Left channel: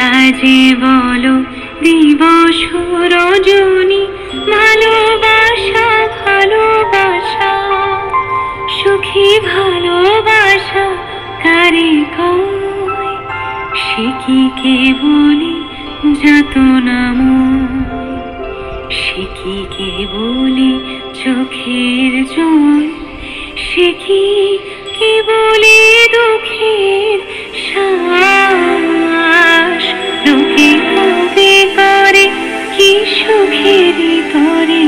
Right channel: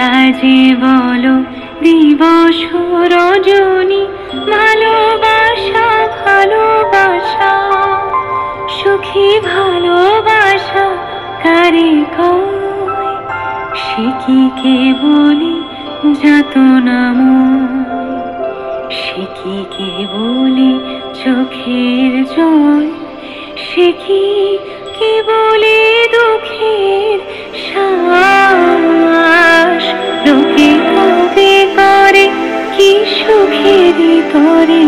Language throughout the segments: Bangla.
তোমরা যে বলো দিবস রজনী, ভালোবাসা ভালোবাসা, সুখী ভালোবাসা কারে কয়, সে কি কেবলি যাতনাময়, সে কি কেবলি চোখের জল, সে কি কেবলি দুঃখের শ্বাস। লোকে কবে করে কি সুখের করে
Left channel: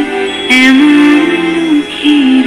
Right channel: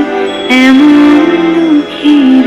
এমন দুঃখের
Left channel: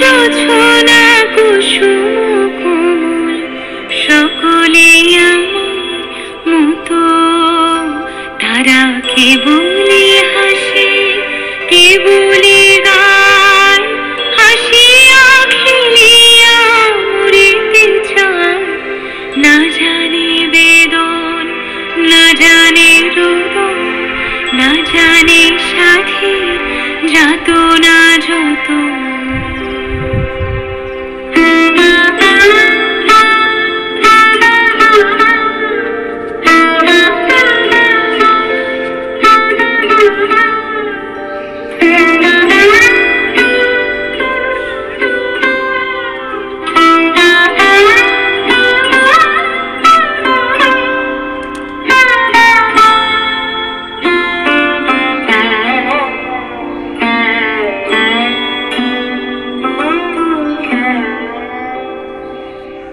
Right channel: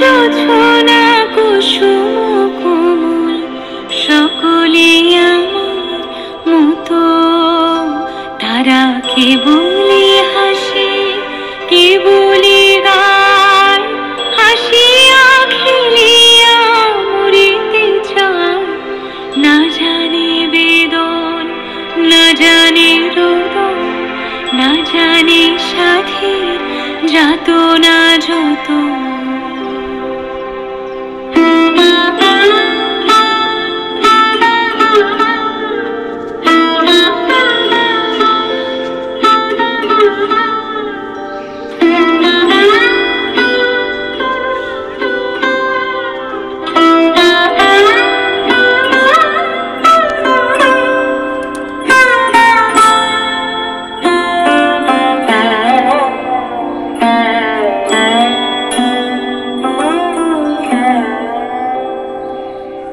জোছনা কুসুম কোমল, সকলে আমার মতো। তারা কেবলি হাসে কেবলি গায়, হাসিয়া খেলিয়া মরিতে চায়। না জানে বেদন, না জানে রোদন, না জানে সাধের যাতনা যত।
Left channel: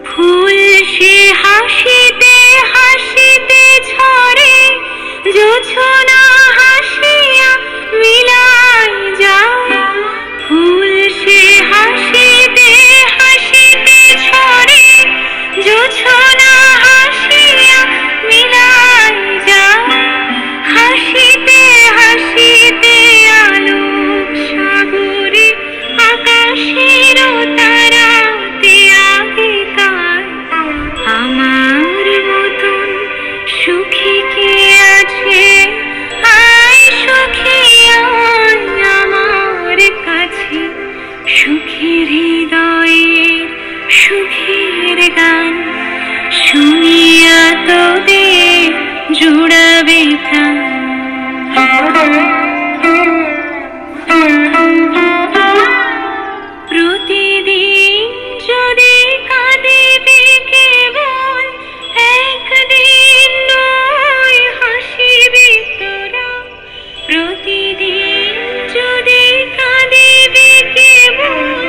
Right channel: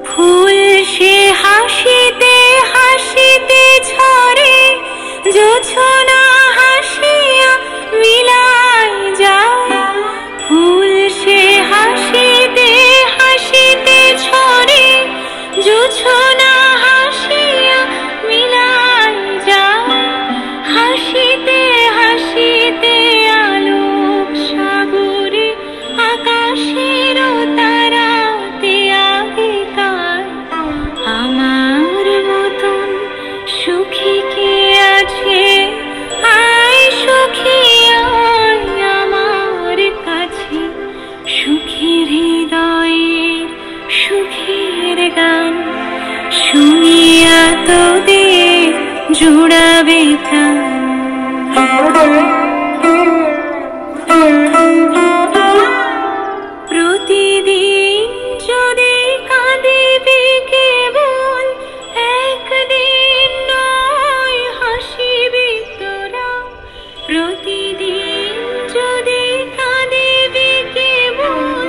ফুল সে হাসিতে হাসিতে ঝরে, জোছনা হাসিয়া মিলাই যায়। ফুল সে হাসিতে হাসিতে ঝরে, জোছনা হাসিয়া মিলাই যায়। হাসিতে হাসিতে আলোক সাগরে, আকাশের তারাতে আগেকার। আমার মতন সুখী কে আছে, আয় সুখী আয় আমার কাছে। সুখীর হৃদয়ের সুখের গান শুনিয়া তোদের জুড়াবে প্রাণ। প্রতিদিন যদি কাঁদিবি কেবল, একদিন নয় হাসিবি তোরা। প্রতিদিন যদি কাঁদিবি কেবল,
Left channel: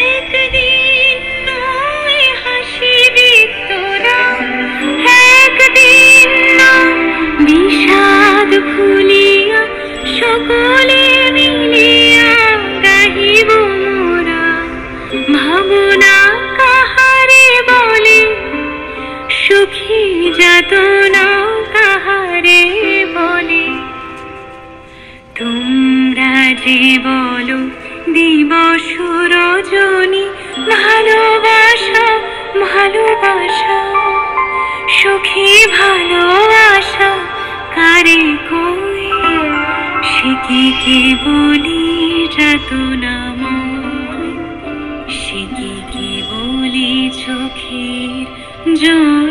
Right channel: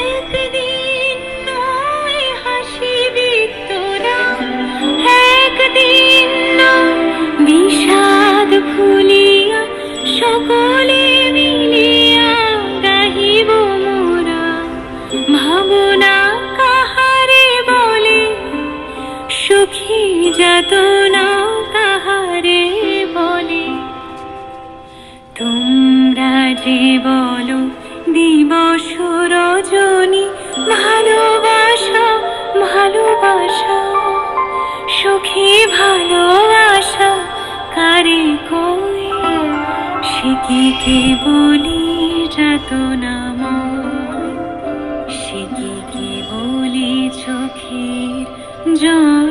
একদিন নয় হাসিবি তোরা। একদিন নয় বিষাদ ভুলিয়া সকলে মিলিয়া গাহিব মোরা। ভাবনা কাহারে বলে, সুখী যাতনা কাহারে বলে। তোমরা যে বলো দিবস রজনী, ভালোবাসা ভালোবাসা, সুখী ভালোবাসা কারে কয়, সে কি কেবলি যাতনাময়, সে কি কেবলি চোখের জল।